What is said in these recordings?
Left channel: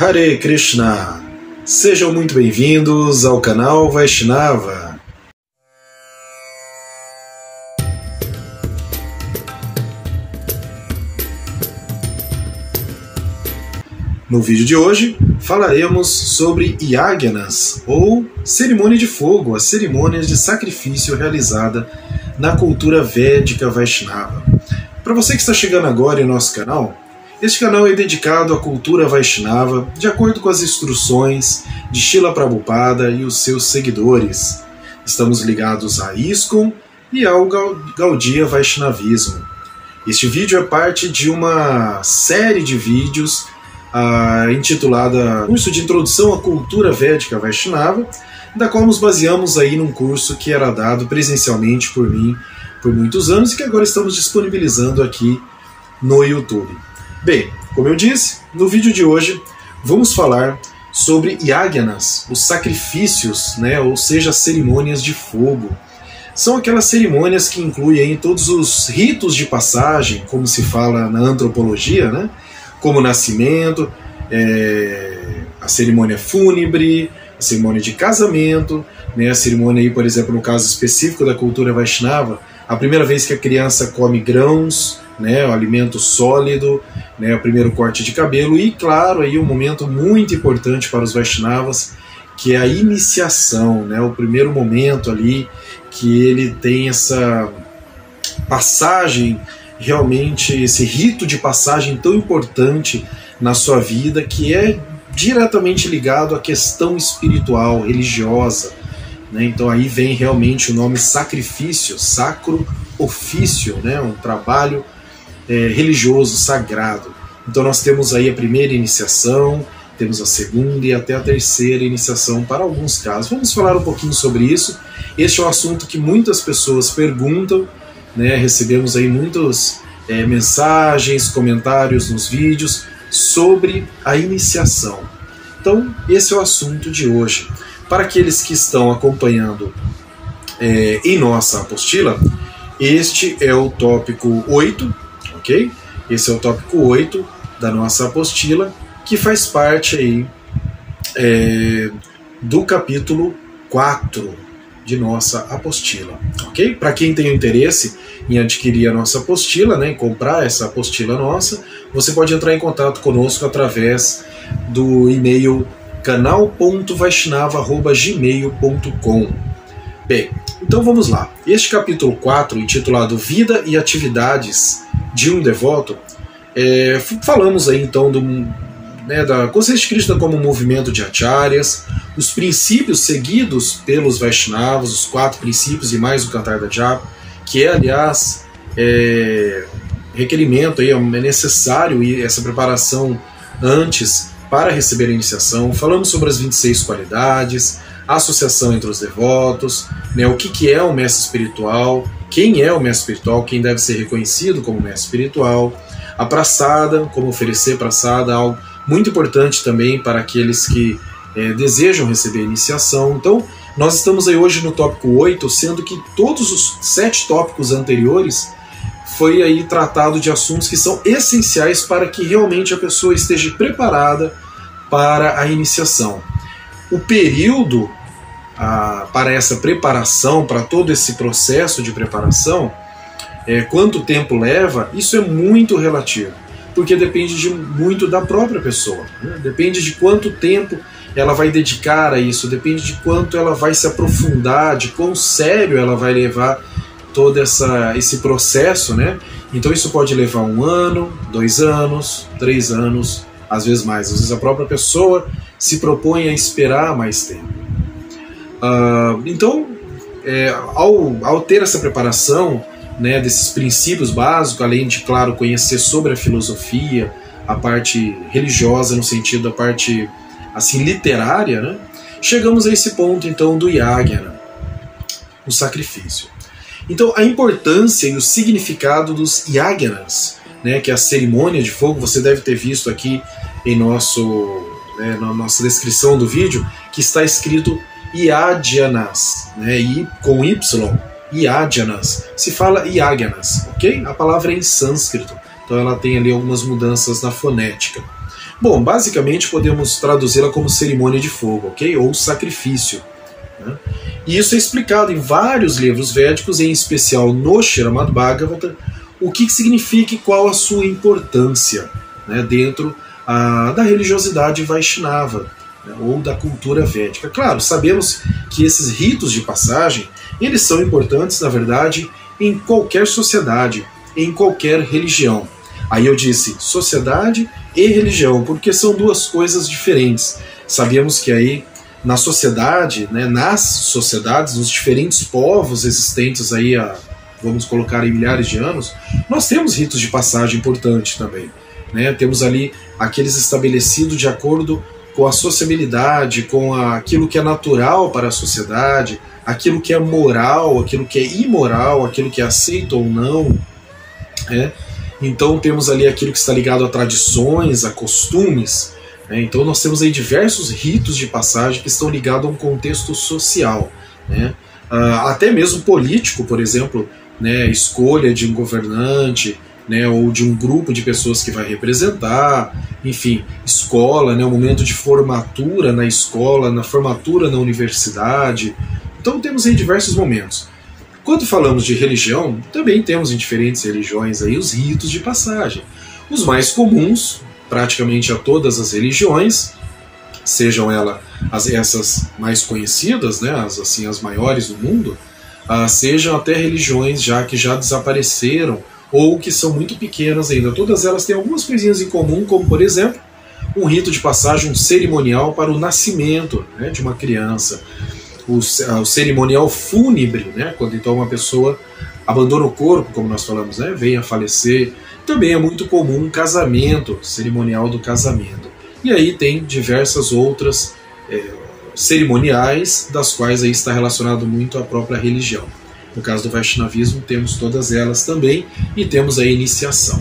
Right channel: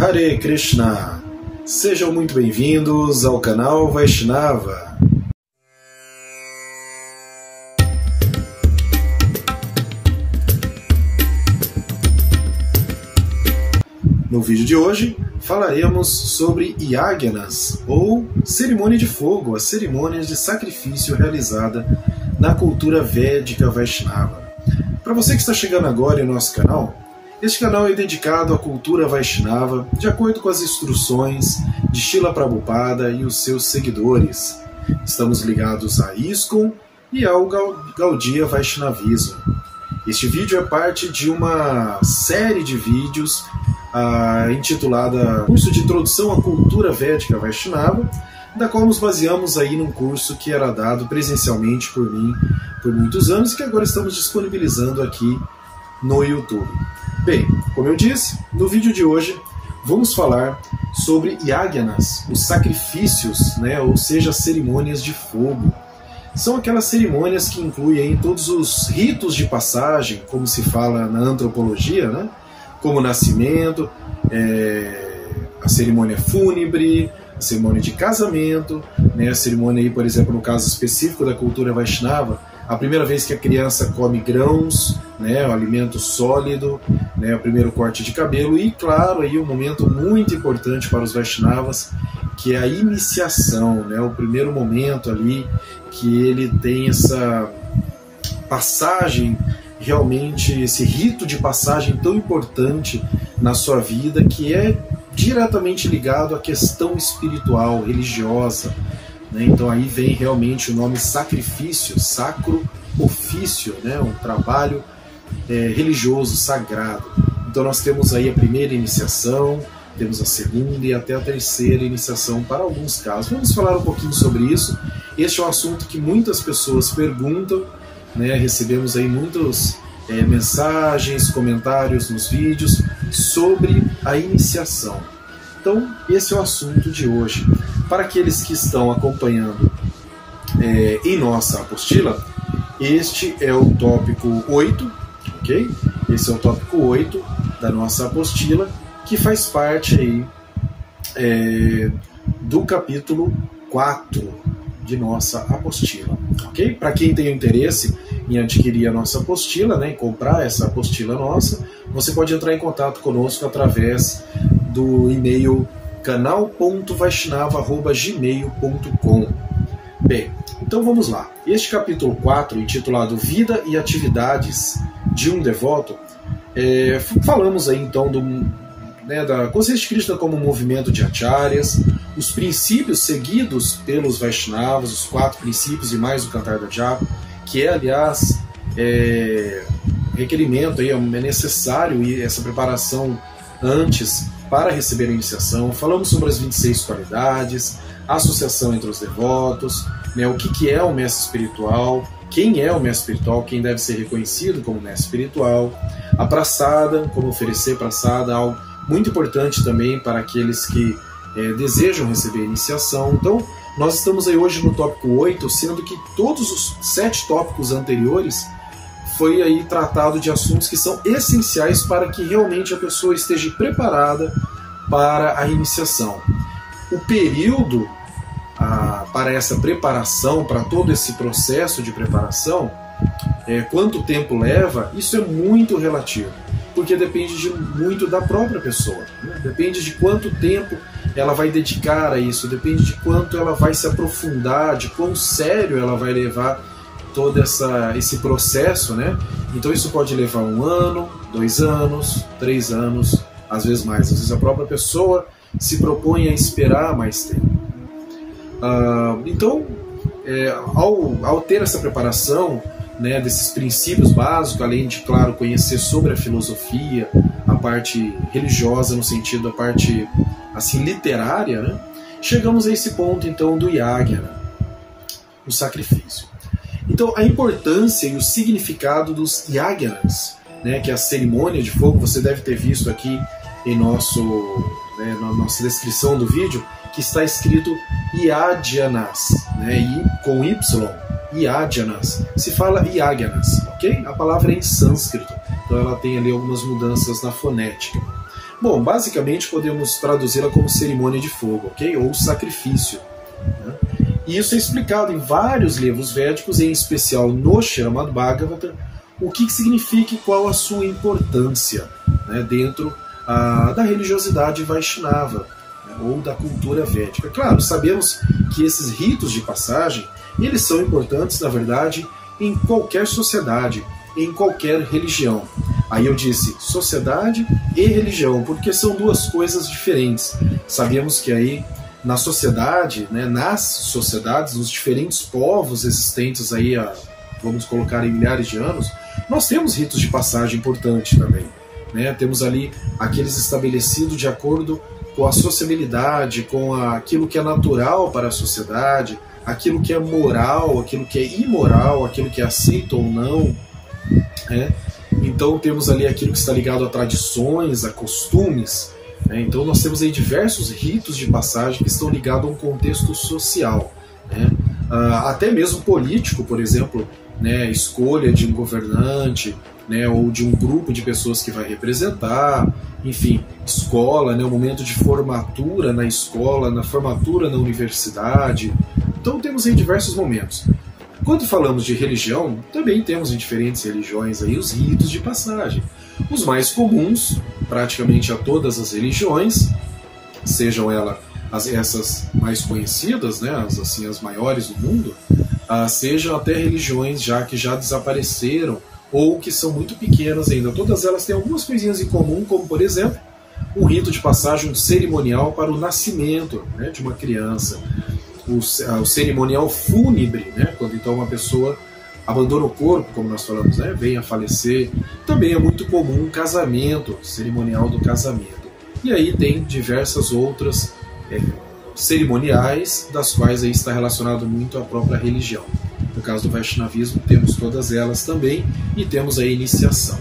Hare Krishna! Sejam muito bem-vindos ao canal Vaishnava. No vídeo de hoje falaremos sobre Yajnas, ou cerimônia de fogo, a cerimônia de sacrifício realizada na cultura védica Vaishnava. Para você que está chegando agora em nosso canal, este canal é dedicado à cultura Vaishnava de acordo com as instruções de Srila Prabhupada e os seus seguidores. Estamos ligados a ISKCON e ao Gaudiya Vaishnavismo. Este vídeo é parte de uma série de vídeos intitulada Curso de Introdução à Cultura Védica Vaishnava, da qual nos baseamos aí num curso que era dado presencialmente por mim por muitos anos e que agora estamos disponibilizando aqui no YouTube. Bem, como eu disse, no vídeo de hoje vamos falar sobre Yajnas, os sacrifícios, ou seja, as cerimônias de fogo. São aquelas cerimônias que incluem todos os ritos de passagem, como se fala na antropologia, como o nascimento, a cerimônia fúnebre, a cerimônia de casamento, a cerimônia, aí, por exemplo, no caso específico da cultura Vaishnava, a primeira vez que a criança come grãos, o alimento sólido, o primeiro corte de cabelo e, claro, aí um momento muito importante para os Vaishnavas, que é a iniciação, o primeiro momento ali que ele tem essa passagem, realmente esse rito de passagem tão importante na sua vida, que é diretamente ligado à questão espiritual, religiosa. Então aí vem realmente o nome sacrifício, sacro ofício, um trabalho religioso, sagrado. Então nós temos aí a primeira iniciação, temos a segunda e até a terceira iniciação para alguns casos. Vamos falar um pouquinho sobre isso. Este é um assunto que muitas pessoas perguntam, recebemos aí muitas mensagens, comentários nos vídeos sobre a iniciação. Então esse é o assunto de hoje. Para aqueles que estão acompanhando em nossa apostila, este é o tópico 8, ok? Esse é o tópico 8 da nossa apostila, que faz parte aí do capítulo 4 de nossa apostila, ok? Para quem tem interesse em adquirir a nossa apostila, em comprar essa apostila nossa, você pode entrar em contato conosco através do e-mail canal.vaishnava@gmail.com. Bem, então vamos lá. Este capítulo 4, intitulado Vida e Atividades de um Devoto, falamos aí então da consciência de Krishna como movimento de acharyas, os princípios seguidos pelos Vaishnavas, os 4 princípios e mais o Cantar da Japa, que é, aliás, requerimento, é necessário essa preparação antes para receber a iniciação. Falamos sobre as 26 qualidades, a associação entre os devotos, o que é o mestre espiritual, quem é o mestre espiritual, quem deve ser reconhecido como mestre espiritual, a prasada, como oferecer prasada, algo muito importante também para aqueles que desejam receber a iniciação. Então, nós estamos aí hoje no tópico 8, sendo que todos os 7 tópicos anteriores foi aí tratado de assuntos que são essenciais para que realmente a pessoa esteja preparada para a iniciação. O período para essa preparação, para todo esse processo de preparação, quanto tempo leva, isso é muito relativo, porque depende muito da própria pessoa, depende de quanto tempo ela vai dedicar a isso, depende de quanto ela vai se aprofundar, de quão sério ela vai levar todo esse processo, Então isso pode levar 1 ano, 2 anos, 3 anos, às vezes mais. Às vezes a própria pessoa se propõe a esperar mais tempo. Então, ao ter essa preparação, desses princípios básicos, além de, claro, conhecer sobre a filosofia, a parte religiosa no sentido da parte assim literária, chegamos a esse ponto então do Yajna, o sacrifício. Então, a importância e o significado dos Yajnas, que é a cerimônia de fogo, você deve ter visto aqui em na nossa descrição do vídeo, que está escrito Yajnas, I com Y, Yajnas. Se fala Yajnas, ok? A palavra é em sânscrito, então ela tem ali algumas mudanças na fonética. Bom, basicamente podemos traduzi-la como cerimônia de fogo, ok? Ou sacrifício, né? E isso é explicado em vários livros védicos, em especial no Srimad Bhagavatam, o que significa e qual a sua importância, né, dentro da religiosidade Vaishnava, né, ou da cultura védica. Claro, sabemos que esses ritos de passagem, eles são importantes, na verdade, em qualquer sociedade, em qualquer religião. Aí eu disse sociedade e religião, porque são duas coisas diferentes. Sabemos que aí na sociedade, né, nas sociedades, nos diferentes povos existentes aí vamos colocar em milhares de anos, nós temos ritos de passagem importantes também, né? Temos ali aqueles estabelecidos de acordo com a sociabilidade, com aquilo que é natural para a sociedade, aquilo que é moral, aquilo que é imoral, aquilo que é aceito ou não, né? Então temos ali aquilo que está ligado a tradições, a costumes, né? Então nós temos aí diversos ritos de passagem que estão ligados a um contexto social, né? Até mesmo político, por exemplo, né? Escolha de um governante, né? Ou de um grupo de pessoas que vai representar, enfim, escola, né? O momento de formatura na escola, na formatura na universidade. Então temos aí diversos momentos. Quando falamos de religião, também temos em diferentes religiões aí os ritos de passagem. Os mais comuns, praticamente a todas as religiões, sejam essas mais conhecidas, né, as maiores do mundo, sejam até religiões que já desapareceram ou que são muito pequenas ainda. Todas elas têm algumas coisinhas em comum, como, por exemplo, um rito de passagem, um cerimonial para o nascimento, né, de uma criança. O cerimonial fúnebre, né, quando então uma pessoa abandona o corpo, como nós falamos, né, vem a falecer. Também é muito comum um casamento, cerimonial do casamento. E aí tem diversas outras cerimoniais, das quais aí está relacionado muito à própria religião. No caso do Vaishnavismo, temos todas elas também, e temos a iniciação.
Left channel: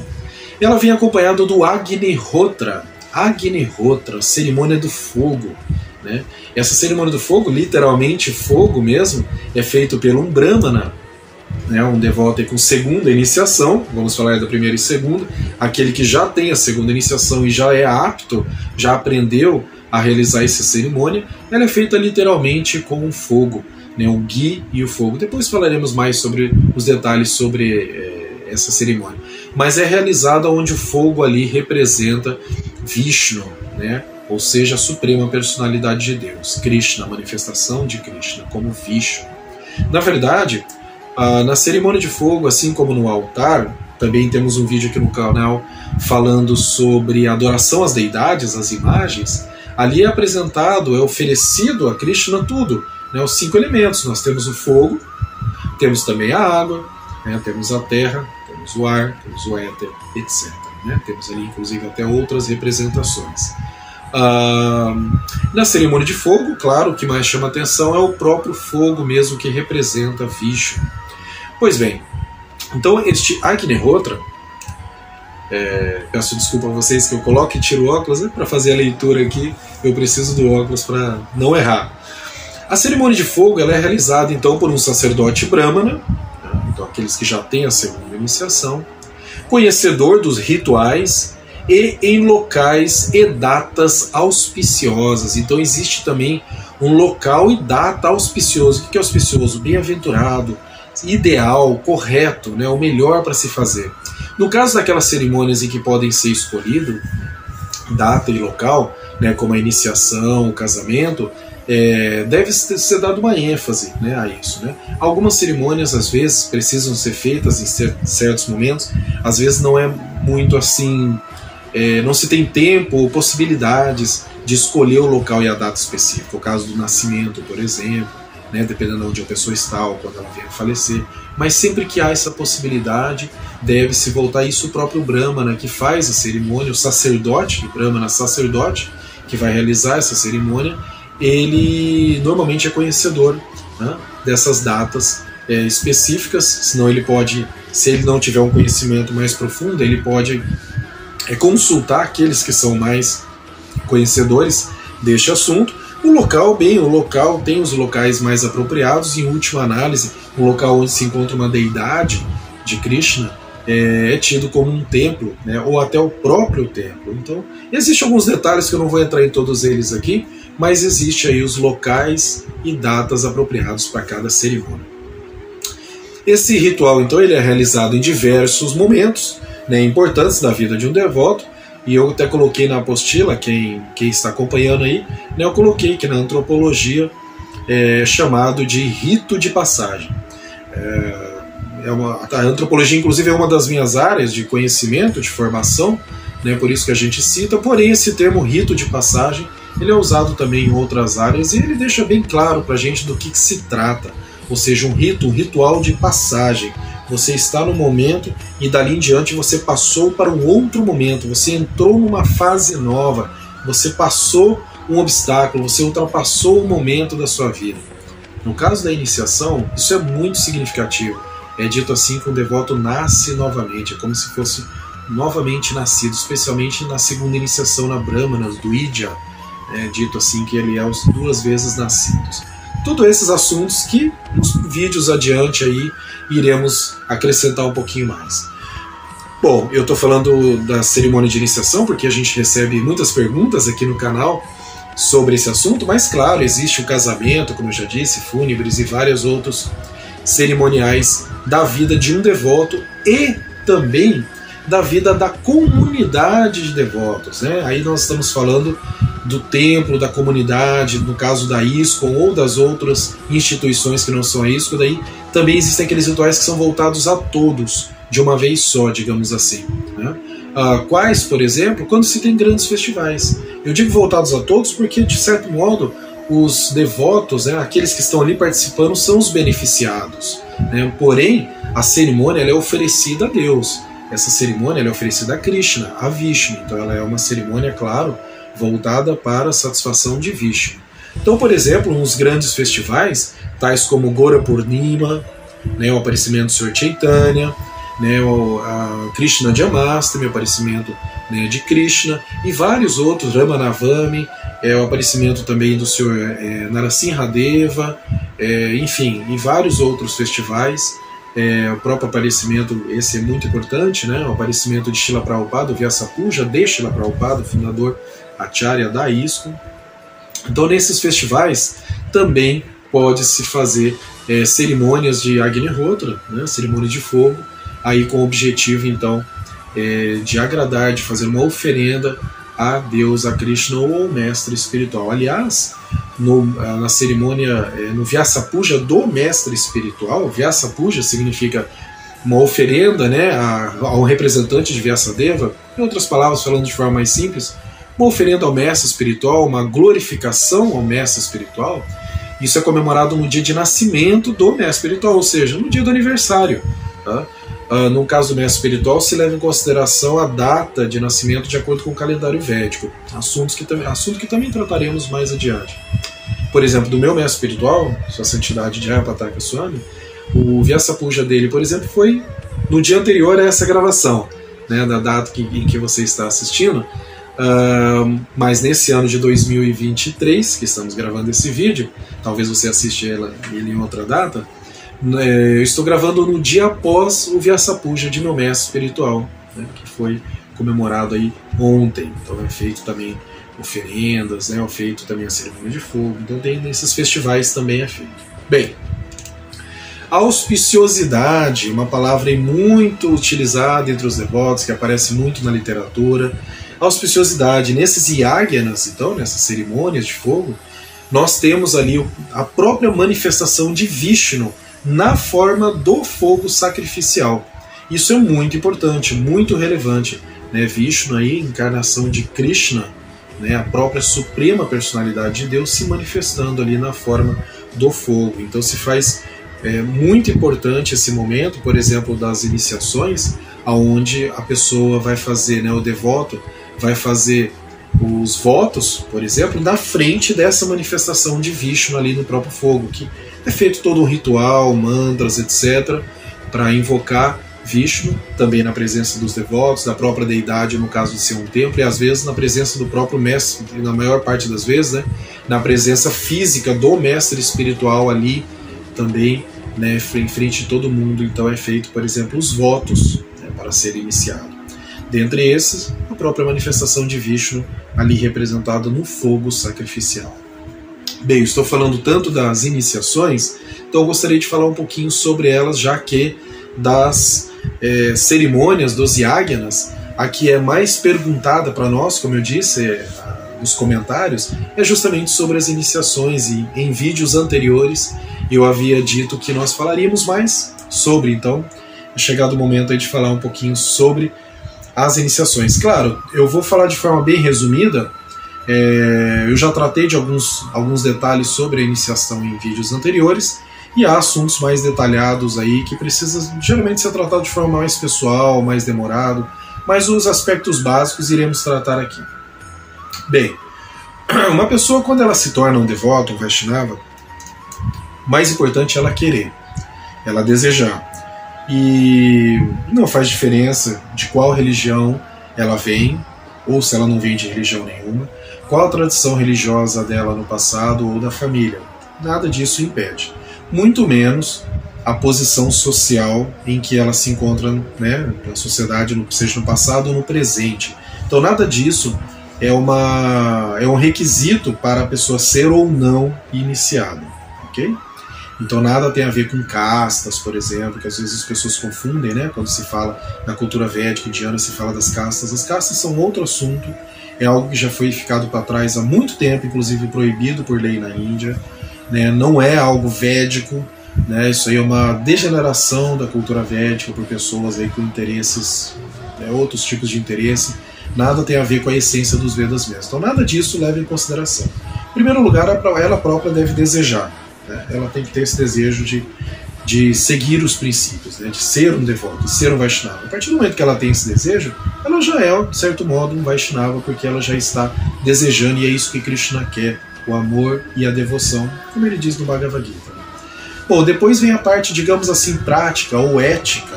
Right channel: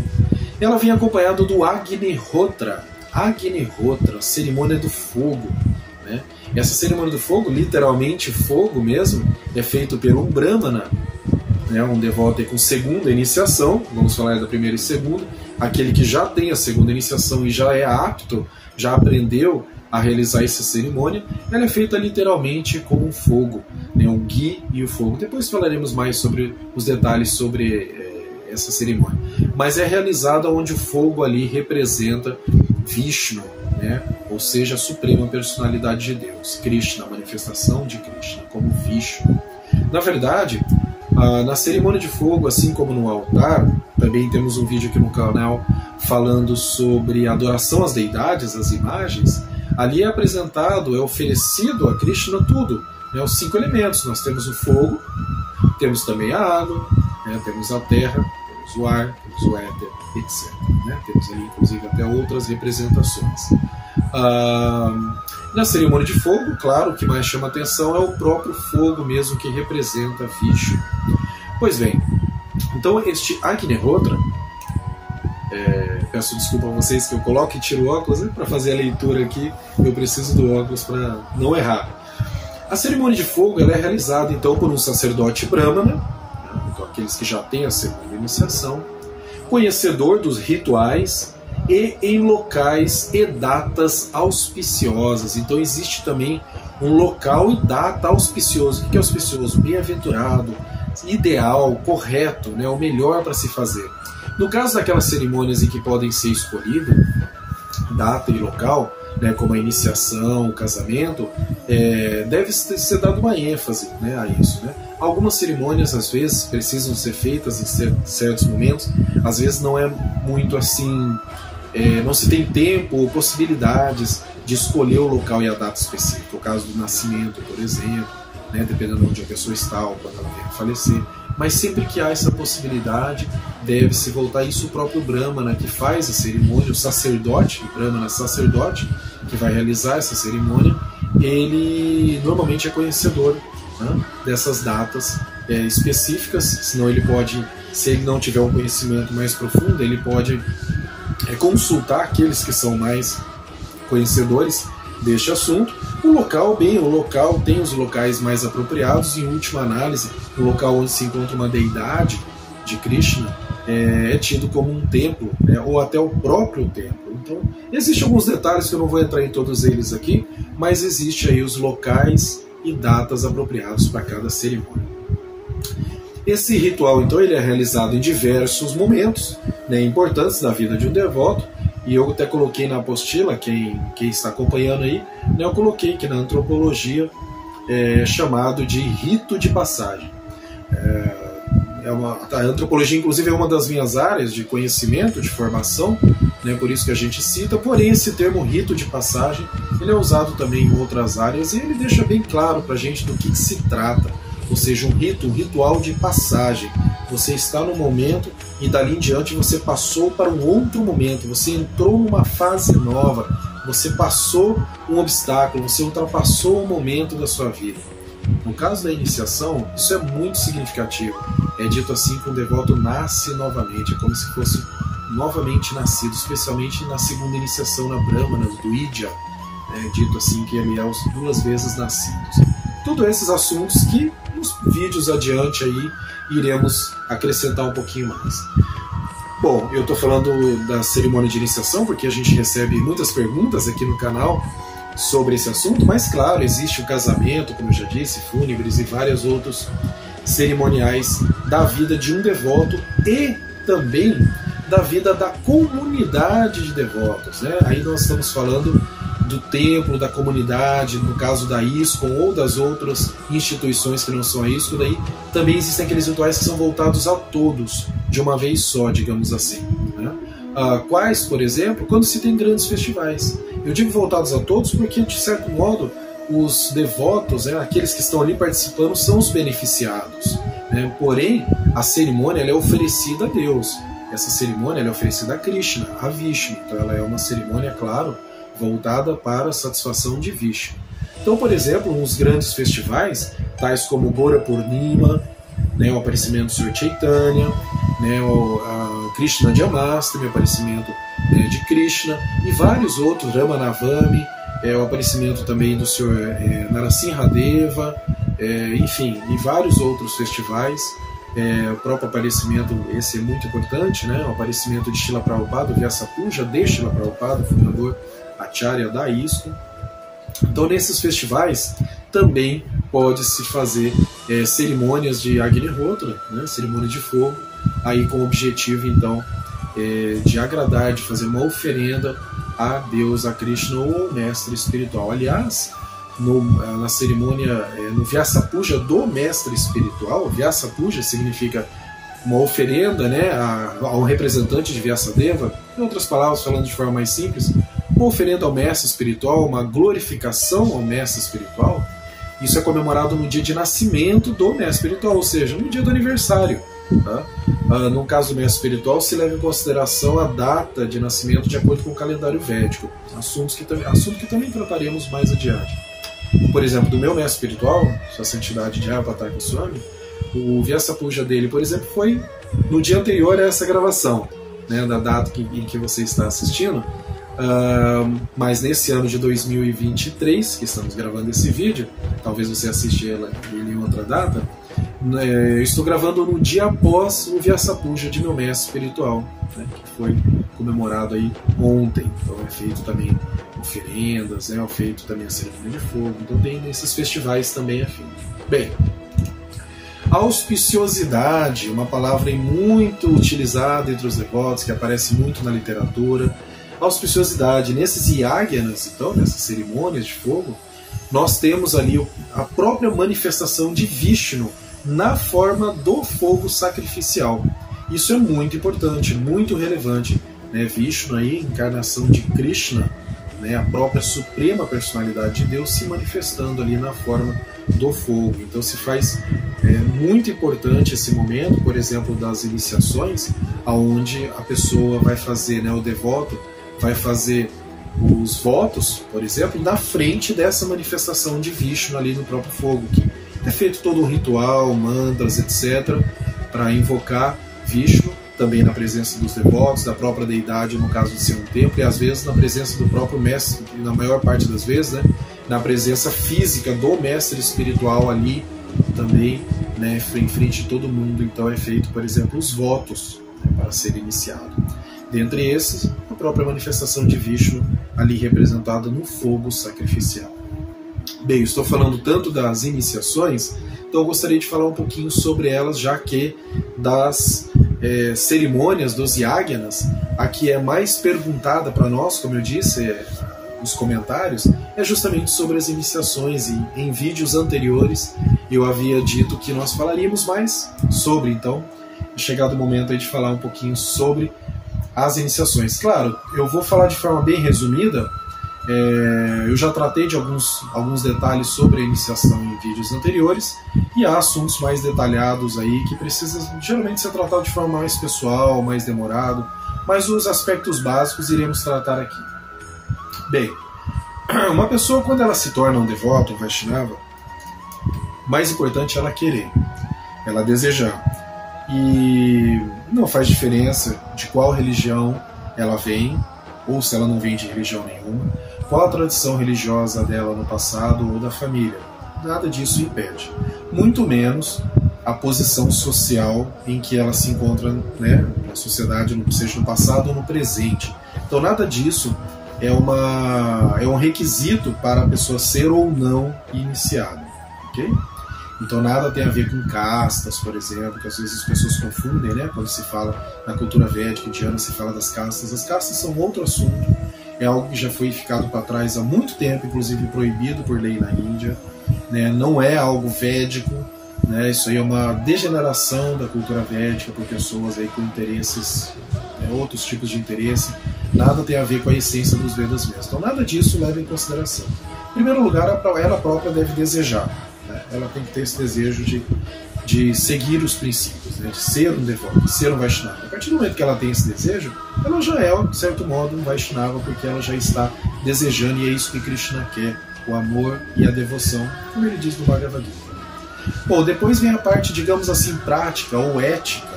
Ela vem acompanhada do Agnihotra, cerimônia do fogo. Né? Essa cerimônia do fogo, literalmente fogo mesmo, é feito por um Brahmana, né? Um devoto com segunda iniciação, vamos falar da primeira e segunda, aquele que já tem a segunda iniciação e já é apto, já aprendeu a realizar essa cerimônia. Ela é feita literalmente com um fogo, né? O ghee e o fogo. Depois falaremos mais sobre os detalhes sobre essa cerimônia. Mas é realizada onde o fogo ali representa Vishnu, né? Ou seja, a suprema personalidade de Deus, Krishna, a manifestação de Krishna como Vishnu. Na verdade, na cerimônia de fogo, assim como no altar, também temos um vídeo aqui no canal falando sobre a adoração às deidades, às imagens. Ali é apresentado, é oferecido a Krishna tudo, né? Os 5 elementos. Nós temos o fogo, temos também a água, né? Temos a terra, temos o ar, temos o éter, etc. Né? Temos ali, inclusive, até outras representações. Na cerimônia de fogo, claro, o que mais chama atenção é o próprio fogo mesmo, que representa Vishnu. Pois bem, então este Agnihotra, peço desculpa a vocês que eu coloque e tiro o óculos, né? Para fazer a leitura aqui eu preciso do óculos para não errar. A cerimônia de fogo ela é realizada então por um sacerdote brahmana, né? Então aqueles que já têm a segunda iniciação, conhecedor dos rituais e em locais e datas auspiciosas. Então existe também um local e data auspicioso. O que é auspicioso? Bem-aventurado, ideal, correto, né? O melhor para se fazer. No caso daquelas cerimônias em que podem ser escolhido data e local, né, como a iniciação, o casamento, deve ser dado uma ênfase, né, a isso. Né? Algumas cerimônias, às vezes, precisam ser feitas em certos momentos, às vezes não é muito assim, não se tem tempo ou possibilidades de escolher o local e a data específica. O caso do nascimento, por exemplo, né, dependendo de onde a pessoa está ou quando ela vier a falecer. Mas sempre que há essa possibilidade, deve-se voltar a isso o próprio Brahmana, que faz a cerimônia, o sacerdote, o Brahmana sacerdote, que vai realizar essa cerimônia, ele normalmente é conhecedor, né, dessas datas específicas, senão ele pode, se ele não tiver um conhecimento mais profundo, ele pode consultar aqueles que são mais conhecedores deste assunto. O local tem os locais mais apropriados, em última análise, um local onde se encontra uma deidade de Krishna, é tido como um templo, né, ou até o próprio templo. Então, existem alguns detalhes que eu não vou entrar em todos eles aqui, mas existe aí os locais e datas apropriados para cada cerimônia. Esse ritual, então, ele é realizado em diversos momentos, né, importantes da vida de um devoto, e eu até coloquei na apostila, quem está acompanhando aí, né, eu coloquei que na antropologia é chamado de rito de passagem. A antropologia, inclusive, é uma das minhas áreas de conhecimento, de formação, né, por isso que a gente cita, porém esse termo rito de passagem ele é usado também em outras áreas e ele deixa bem claro para a gente do que se trata, ou seja, um ritual de passagem. Você está no momento e dali em diante você passou para um outro momento, você entrou numa fase nova, você passou um obstáculo, você ultrapassou um momento da sua vida. No caso da iniciação, isso é muito significativo. É dito assim que o devoto nasce novamente, é como se fosse novamente nascido, especialmente na segunda iniciação na Brahmana, do Idya, é dito assim que ele é os 2 vezes nascidos. Todos esses assuntos que nos vídeos adiante aí iremos acrescentar um pouquinho mais. Bom, eu estou falando da cerimônia de iniciação porque a gente recebe muitas perguntas aqui no canal sobre esse assunto, mas claro, existe o casamento, como eu já disse, fúnebres e vários outros cerimoniais da vida de um devoto e também da vida da comunidade de devotos, né? Aí nós estamos falando do templo, da comunidade, no caso da ISKCON ou das outras instituições que não são a ISKCON, daí também existem aqueles rituais que são voltados a todos, de uma vez só, digamos assim, né? Quais, por exemplo, quando se tem grandes festivais. Eu digo voltados a todos porque, de certo modo, os devotos, né, aqueles que estão ali participando, são os beneficiados, né? Porém, a cerimônia ela é oferecida a Deus. Essa cerimônia ela é oferecida a Krishna, a Vishnu. Então ela é uma cerimônia, claro, voltada para a satisfação de Vishnu. Então, por exemplo, uns grandes festivais, tais como Gora Purnima, né, o aparecimento do Sr. Chaitanya, né, a Krishna Janmashtami, o aparecimento, né, de Krishna, e vários outros, Ramanavami, o aparecimento também do Sr. Narasimhadeva, enfim, e vários outros festivais. O próprio aparecimento, esse é muito importante, né, o aparecimento de Srila Prabhupada, o Vyasapuja de Srila Prabhupada, fundador Acharya da ISKCON. Então, nesses festivais também pode-se fazer cerimônias de Agnihotra, né, cerimônia de fogo, aí com o objetivo, então, de agradar, de fazer uma oferenda a Deus, a Krishna ou ao mestre espiritual. Aliás, na cerimônia, no Vyasapuja do mestre espiritual, Vyasapuja significa uma oferenda, né, ao representante de Vyasadeva, em outras palavras, falando de forma mais simples, uma oferenda ao mestre espiritual, uma glorificação ao mestre espiritual. Isso é comemorado no dia de nascimento do mestre espiritual, ou seja, no dia do aniversário. Tá? No caso do mestre espiritual, se leva em consideração a data de nascimento de acordo com o calendário védico, assunto que também trataremos mais adiante. Por exemplo, do meu mestre espiritual, sua santidade Jayapataka Swami, o Vyasapuja dele, por exemplo, foi no dia anterior a essa gravação, né, da data em que você está assistindo. Mas nesse ano de 2023, que estamos gravando esse vídeo, talvez você assista ele em outra data, eu estou gravando no dia após o Vyasapuja de meu mestre espiritual, né, que foi comemorado aí ontem. Então é feito também oferendas, né, é feito também a cerimônia de fogo. Então tem nesses festivais também é feito. Bem, auspiciosidade, uma palavra muito utilizada entre os devotos, que aparece muito na literatura. Auspiciosidade, nesses yagyanas, então, nessas cerimônias de fogo, nós temos ali a própria manifestação de Vishnu na forma do fogo sacrificial. Isso é muito importante, muito relevante, né? Vishnu aí, encarnação de Krishna, né? A própria suprema personalidade de Deus se manifestando ali na forma do fogo. Então se faz muito importante esse momento, por exemplo, das iniciações, aonde a pessoa vai fazer, né, o devoto vai fazer os votos, por exemplo, na frente dessa manifestação de Vishnu ali no próprio fogo, que é feito todo um ritual, mantras, etc., para invocar Vishnu, também na presença dos devotos, da própria deidade, no caso de ser um templo, e às vezes na presença do próprio mestre, na maior parte das vezes, né, na presença física do mestre espiritual ali também, né, em frente de todo mundo. Então é feito, por exemplo, os votos. para ser iniciado. Dentre esses, a própria manifestação de Vishnu, ali representada no fogo sacrificial. Bem, estou falando tanto das iniciações, então eu gostaria de falar um pouquinho sobre elas, já que das cerimônias dos yagyanas, a que é mais perguntada para nós, como eu disse, nos comentários, é justamente sobre as iniciações, e em vídeos anteriores eu havia dito que nós falaríamos mais sobre, então é chegado o momento aí de falar um pouquinho sobre as iniciações. Claro, eu vou falar de forma bem resumida. Eu já tratei de alguns detalhes sobre a iniciação em vídeos anteriores, e há assuntos mais detalhados aí que precisam geralmente ser tratados de forma mais pessoal, mais demorado, mas os aspectos básicos iremos tratar aqui. Bem, uma pessoa, quando ela se torna um devoto, um Vaishnava, mais importante é ela querer, ela desejar. E não faz diferença de qual religião ela vem, ou se ela não vem de religião nenhuma, qual a tradição religiosa dela no passado ou da família. Nada disso impede. Muito menos a posição social em que ela se encontra, né, na sociedade, seja no passado ou no presente. Então nada disso é um requisito para a pessoa ser ou não iniciada. Ok? Então nada tem a ver com castas, por exemplo, que às vezes as pessoas confundem, né? Quando se fala na cultura védica indiana, se fala das castas. As castas são outro assunto, é algo que já foi ficado para trás há muito tempo, inclusive proibido por lei na Índia, né? Não é algo védico, né? Isso aí é uma degeneração da cultura védica por pessoas aí com interesses, né? Outros tipos de interesse. Nada tem a ver com a essência dos Vedas mesmo. Então nada disso leva em consideração. Em primeiro lugar, ela própria deve desejar. Ela tem que ter esse desejo de seguir os princípios, né? De ser um devoto, de ser um Vaishnava. A partir do momento que ela tem esse desejo, ela já é, de certo modo, um Vaishnava, porque ela já está desejando, e é isso que Krishna quer, o amor e a devoção, como ele diz no Bhagavad Gita. Bom, depois vem a parte, digamos assim, prática ou ética.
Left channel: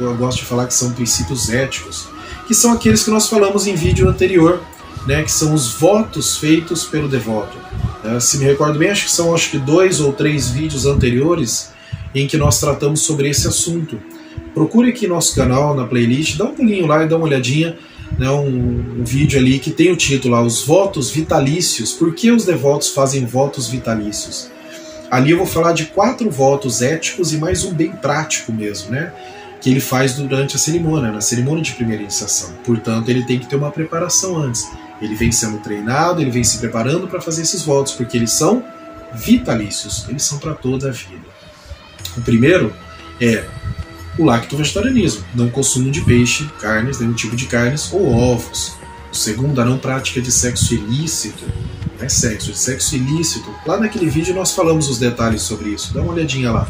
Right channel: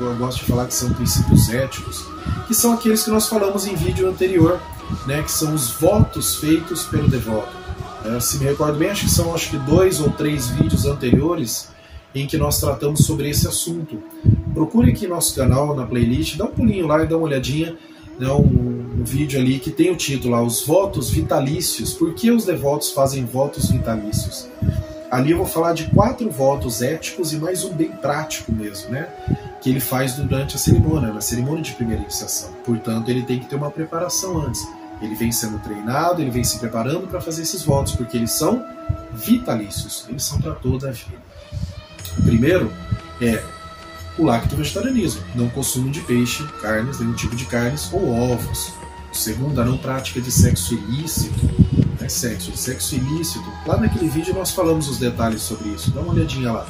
Eu gosto de falar que são princípios éticos, que são aqueles que nós falamos em vídeo anterior, né? Que são os votos feitos pelo devoto. Se me recordo bem, acho que 2 ou 3 vídeos anteriores em que nós tratamos sobre esse assunto. Procure aqui nosso canal, na playlist, dá um pulinho lá e dá uma olhadinha, né, um vídeo ali que tem o título lá, Os Votos Vitalícios. Por que os devotos fazem votos vitalícios? Ali eu vou falar de 4 votos éticos e mais um bem prático mesmo, né, que ele faz durante a cerimônia, na cerimônia de primeira iniciação. Portanto, ele tem que ter uma preparação antes. Ele vem sendo treinado, ele vem se preparando para fazer esses votos, porque eles são vitalícios, eles são para toda a vida. O primeiro é o lacto-vegetarianismo, não consumo de peixe, carnes, nenhum tipo de carnes ou ovos. O segundo, a não prática de sexo ilícito, não é sexo, de sexo ilícito. Lá naquele vídeo nós falamos os detalhes sobre isso, dá uma olhadinha lá.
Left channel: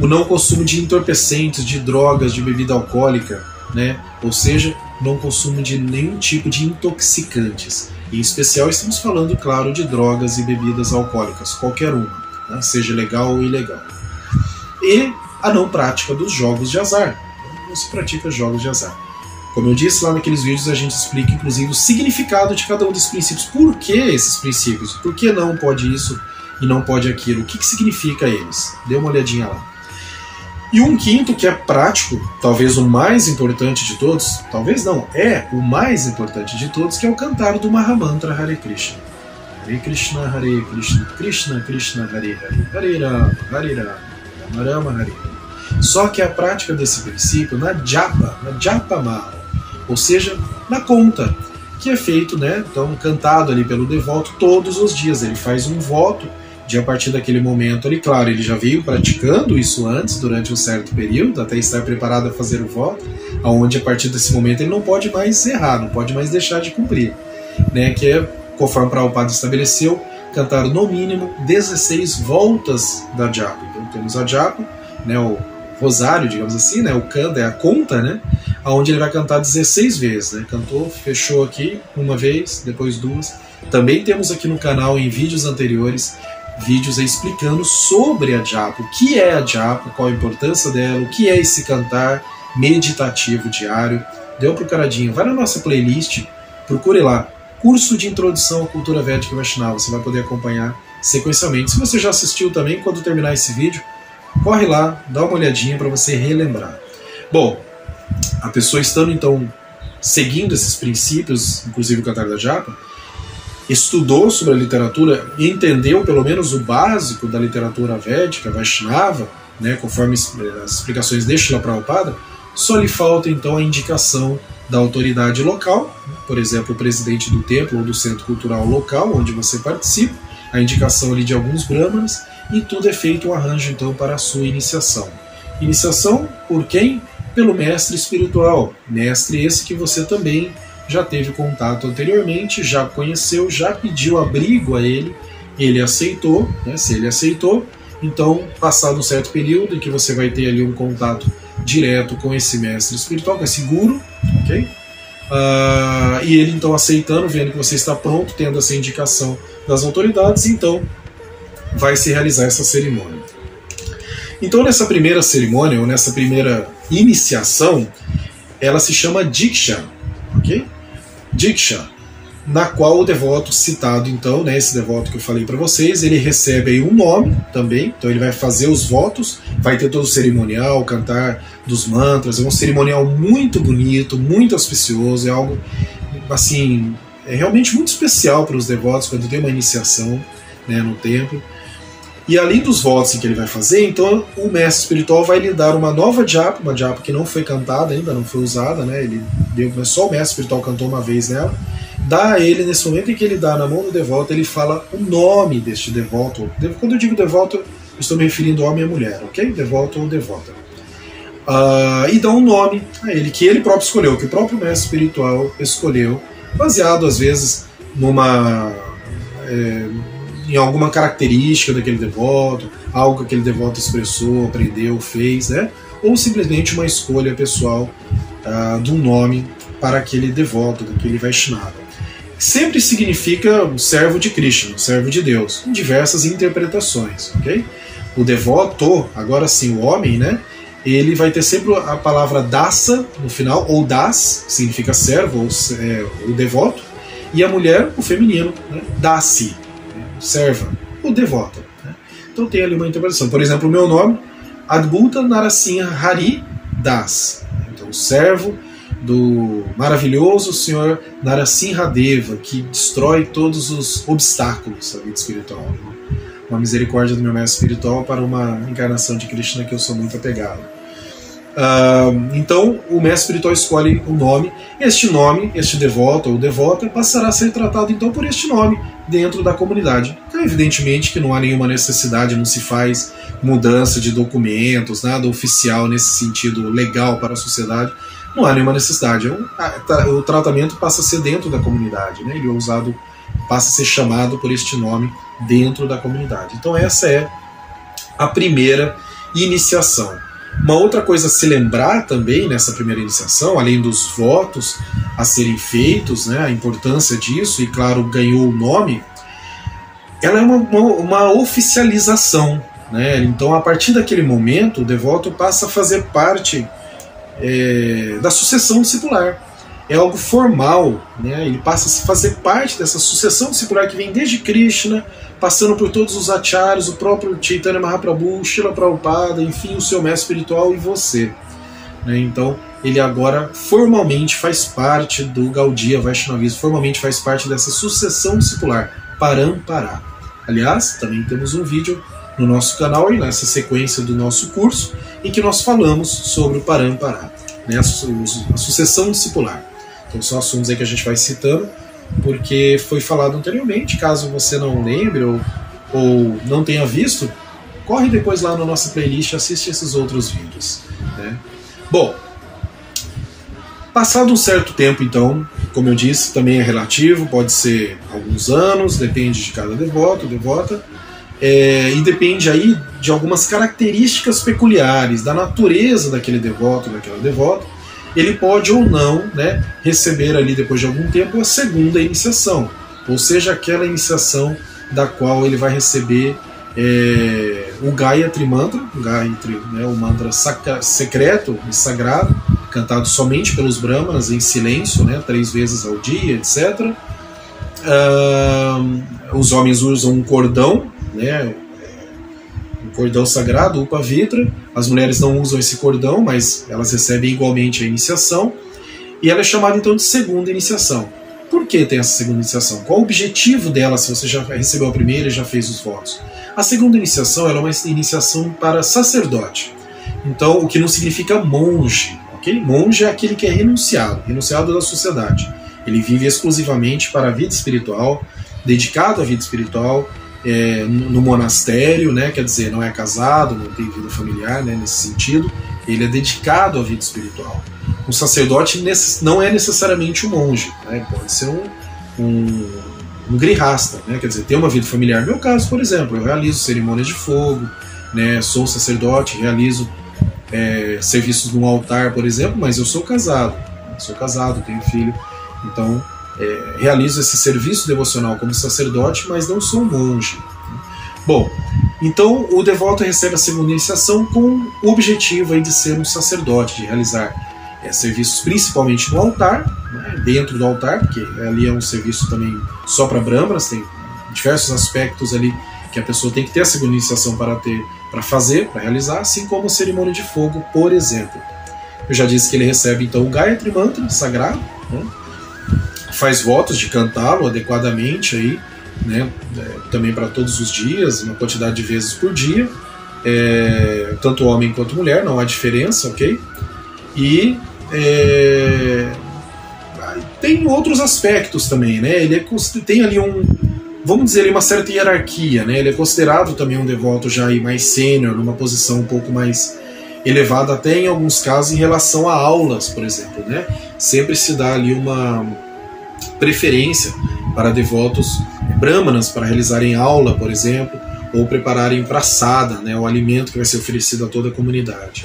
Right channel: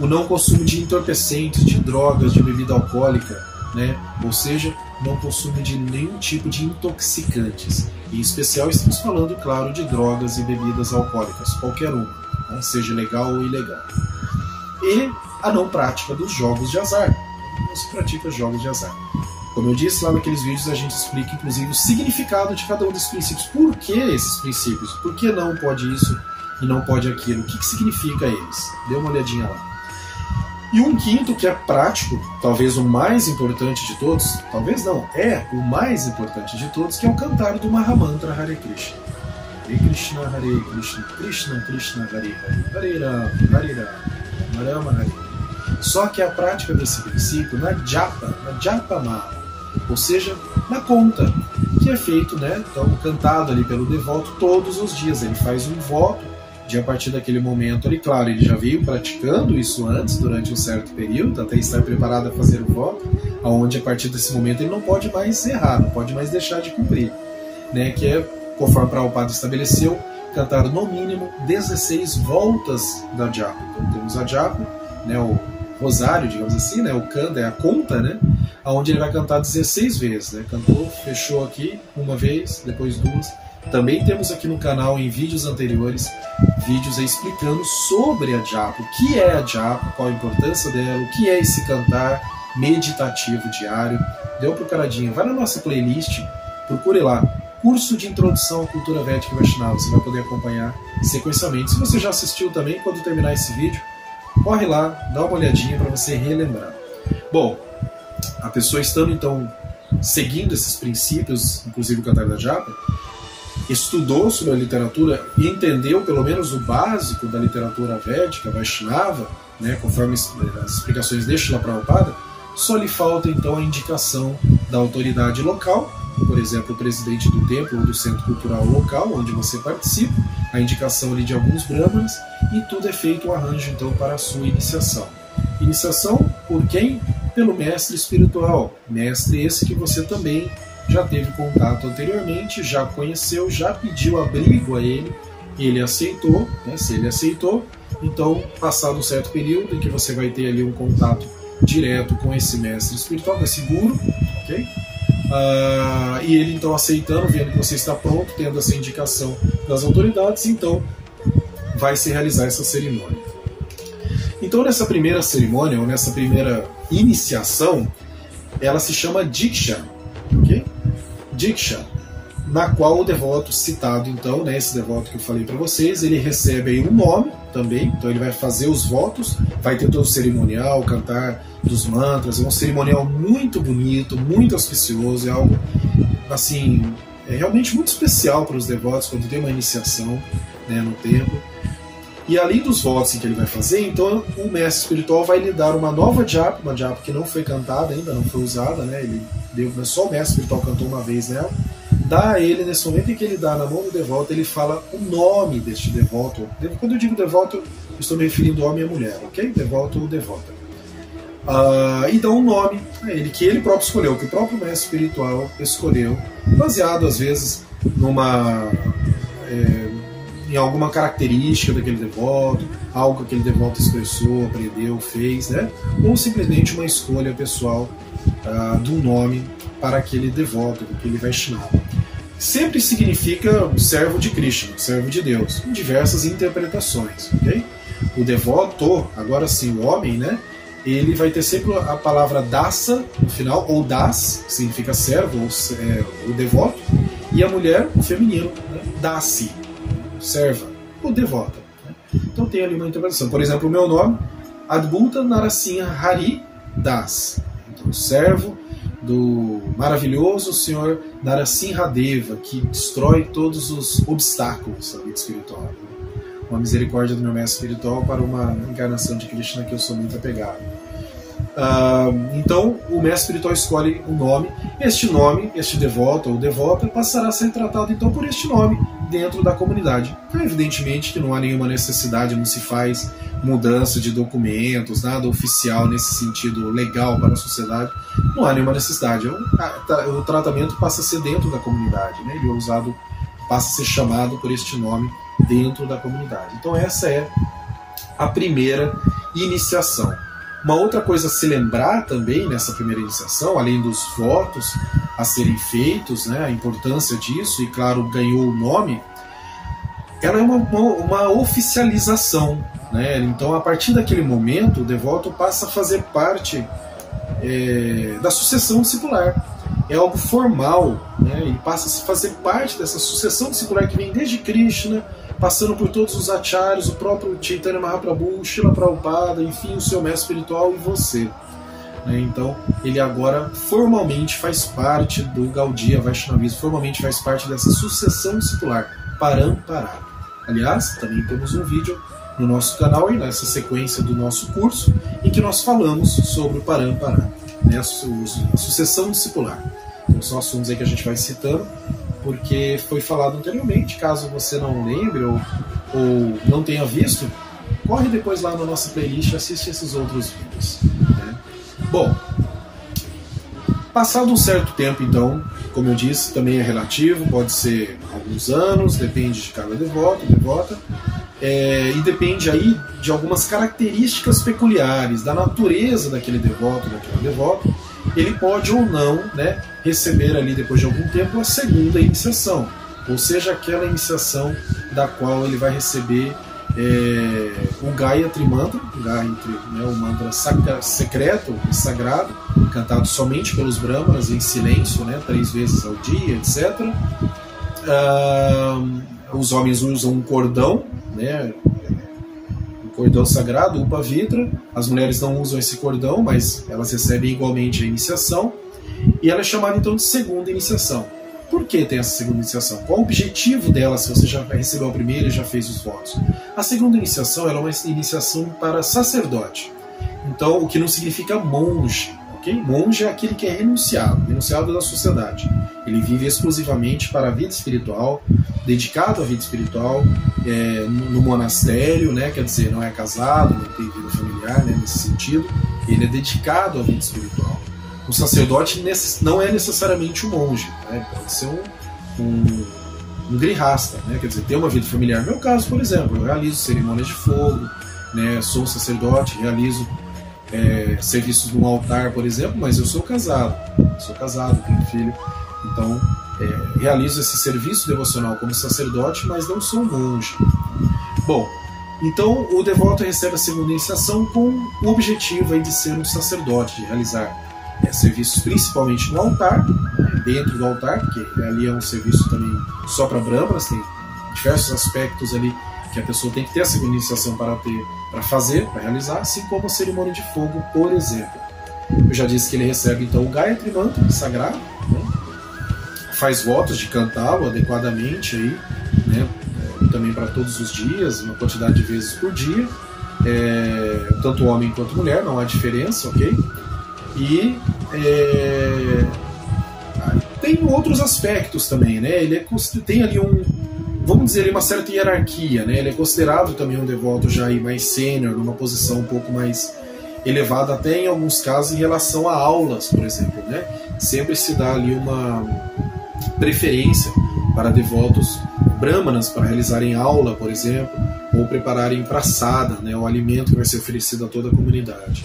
O não consumo de entorpecentes, de drogas, de bebida alcoólica, né? Ou seja, não consumo de nenhum tipo de intoxicantes. Em especial estamos falando, claro, de drogas e bebidas alcoólicas, qualquer uma, né? Seja legal ou ilegal. E a não prática dos jogos de azar. Não se pratica jogos de azar. Como eu disse lá naqueles vídeos, a gente explica inclusive o significado de cada um desses princípios. Por que esses princípios? Por que não pode isso e não pode aquilo? O que significa eles? Dê uma olhadinha lá. E um quinto, que é prático, talvez o mais importante de todos, talvez não, é o mais importante de todos, que é o cantar do Mahamantra Hare Krishna. Hare Krishna, Hare Krishna, Krishna Krishna, Hare Hare, Hare Rama, Hare Rama, Rama Hare Hare. Só que a prática desse princípio na japa mala, ou seja, na conta, que é feito, né, então, cantado ali pelo devoto todos os dias. Ele faz um voto de, a partir daquele momento, ele, claro, ele já veio praticando isso antes, durante um certo período, até estar preparado a fazer o voto, onde a partir desse momento ele não pode mais errar, não pode mais deixar de cumprir, né, que é, conforme Prabhupada estabeleceu, cantar no mínimo 16 voltas da japa. Então temos a japa, né, o rosário, digamos assim, né, o kanda é a conta, né, onde ele vai cantar 16 vezes, né, cantou, fechou aqui uma vez, depois 2. Também temos aqui no canal, em vídeos anteriores, vídeos explicando sobre a japa, o que é a japa, qual a importância dela, o que é esse cantar meditativo diário. Dê uma procuradinha, vai na nossa playlist, procure lá, curso de introdução à cultura védica Vaishnava, você vai poder acompanhar sequencialmente. Se você já assistiu também, quando terminar esse vídeo, corre lá, dá uma olhadinha para você relembrar. Bom, a pessoa estando então seguindo esses princípios, inclusive o Cantar da Japa, estudou sobre a literatura e entendeu pelo menos o básico da literatura védica, Vaishnava, né, conforme as explicações de Srila Prabhupada, só lhe falta então a indicação da autoridade local, por exemplo, o presidente do templo ou do centro cultural local onde você participa, a indicação ali de alguns brahmanas, e tudo é feito um arranjo então para a sua iniciação. Iniciação por quem? Pelo mestre espiritual, mestre esse que você também já teve contato anteriormente, já conheceu, já pediu abrigo a ele aceitou, né? Se ele aceitou, então passado um certo período em que você vai ter ali um contato direto com esse mestre espiritual, com esse guru, ok? E ele então aceitando, vendo que você está pronto, tendo essa indicação das autoridades, então vai se realizar essa cerimônia. Então nessa primeira cerimônia, ou nessa primeira iniciação, ela se chama Diksha, ok? Diksha, na qual o devoto citado então, né, esse devoto que eu falei para vocês, ele recebe aí um nome também, então ele vai fazer os votos, vai ter todo o cerimonial, cantar dos mantras, é um cerimonial muito bonito, muito auspicioso, é algo assim, é realmente muito especial para os devotos quando tem uma iniciação, né, no templo. E além dos votos que ele vai fazer, então o mestre espiritual vai lhe dar uma nova japa, uma japa que não foi cantada ainda, não foi usada, né? Ele deu, mas só o mestre espiritual cantou uma vez nela. Dá a ele, nesse momento em que ele dá na mão do devoto, ele fala o nome deste devoto. Quando eu digo devoto, eu estou me referindo a homem e mulher, ok? Devoto ou devota. E dá um nome a ele, que ele próprio escolheu, que o próprio mestre espiritual escolheu, baseado às vezes em alguma característica daquele devoto, algo que aquele devoto expressou, aprendeu, fez, né? Ou simplesmente uma escolha pessoal de um nome para aquele devoto, daquele Vaishnava. Sempre significa servo de Krishna, servo de Deus, em diversas interpretações, ok? O devoto, agora sim, o homem, né? Ele vai ter sempre a palavra dasa no final, ou das, significa servo, ou o devoto, e a mulher, o feminino, né? Dasi, serva, o devoto. Né? Então tem ali uma interpretação. Por exemplo, o meu nome, Adbhuta Narasimha Hari Das. Então, servo do maravilhoso Senhor Narasimha Deva, que destrói todos os obstáculos da vida espiritual. Uma misericórdia do meu mestre espiritual para uma encarnação de Krishna que eu sou muito apegado. Então o mestre espiritual escolhe um nome. Este nome, este devoto ou devota, passará a ser tratado então por este nome dentro da comunidade. Então, evidentemente que não há nenhuma necessidade, não se faz mudança de documentos, nada oficial nesse sentido legal para a sociedade, não há nenhuma necessidade. O tratamento passa a ser dentro da comunidade, né? Ele é usado, passa a ser chamado por este nome dentro da comunidade. Então essa é a primeira iniciação. Uma outra coisa a se lembrar também nessa primeira iniciação, além dos votos a serem feitos, né, a importância disso, e claro, ganhou o nome, ela é uma oficialização. Né? Então, a partir daquele momento, o devoto passa a fazer parte da sucessão discipular. É algo formal, né? Ele passa a fazer parte dessa sucessão discipular que vem desde Krishna, passando por todos os acharyas, o próprio Chaitanya Mahaprabhu, Srila Prabhupada, enfim, o seu mestre espiritual e você. Né? Então, ele agora formalmente faz parte do Gaudiya Vaishnavismo, formalmente faz parte dessa sucessão discipular, Parampara. Aliás, também temos um vídeo no nosso canal, e nessa sequência do nosso curso, em que nós falamos sobre o Parampara, né? A sucessão discipular. Então são assuntos aí que a gente vai citando, porque foi falado anteriormente. Caso você não lembre ou não tenha visto, corre depois lá na nossa playlist e assiste esses outros vídeos. Né? Bom, passado um certo tempo, então, como eu disse, também é relativo, pode ser alguns anos, depende de cada devoto, devota, e depende aí de algumas características peculiares da natureza daquele devoto, daquela devota. Ele pode ou não, né, receber ali depois de algum tempo a segunda iniciação, ou seja, aquela iniciação da qual ele vai receber o Gayatri Mantra, né, o mantra secreto e sagrado, cantado somente pelos brahmanas em silêncio, né, 3 vezes ao dia, etc. Os homens usam um cordão, né, cordão sagrado, upavitra. As mulheres não usam esse cordão, mas elas recebem igualmente a iniciação. E ela é chamada então de segunda iniciação. Por que tem essa segunda iniciação? Qual o objetivo dela se você já recebeu a primeira e já fez os votos? A segunda iniciação ela é uma iniciação para sacerdote. Então, o que não significa monge. Okay? Monge é aquele que é renunciado da sociedade. Ele vive exclusivamente para a vida espiritual, dedicado à vida espiritual, no monastério, né? Quer dizer, não é casado, não tem vida familiar, né? Nesse sentido. Ele é dedicado à vida espiritual. O sacerdote não é necessariamente um monge, né? Pode ser um grihasta, né? Quer dizer, ter uma vida familiar. No meu caso, por exemplo, eu realizo cerimônias de fogo, né? Sou sacerdote, realizo serviços no altar, por exemplo, mas eu sou casado, tenho filho, então realizo esse serviço devocional como sacerdote, mas não sou monge. Bom, então o devoto recebe a segunda iniciação com o objetivo aí de ser um sacerdote, de realizar serviços principalmente no altar, né, dentro do altar, porque ali é um serviço também só para brahmanas, tem diversos aspectos ali que a pessoa tem que ter a segunda iniciação para realizar, assim como a cerimônia de fogo, por exemplo. Eu já disse que ele recebe então o Gayatri Mantra sagrado, né, faz votos de cantá-lo adequadamente aí, né, também para todos os dias, uma quantidade de vezes por dia, tanto homem quanto mulher, não há diferença, ok? E tem outros aspectos também, né? Ele tem ali vamos dizer, uma certa hierarquia, né? Ele é considerado também um devoto já mais sênior, numa posição um pouco mais elevada, até em alguns casos em relação a aulas, por exemplo, né? Sempre se dá ali uma preferência para devotos brahmanas para realizarem aula, por exemplo, ou prepararem praçada, né? O alimento que vai ser oferecido a toda a comunidade.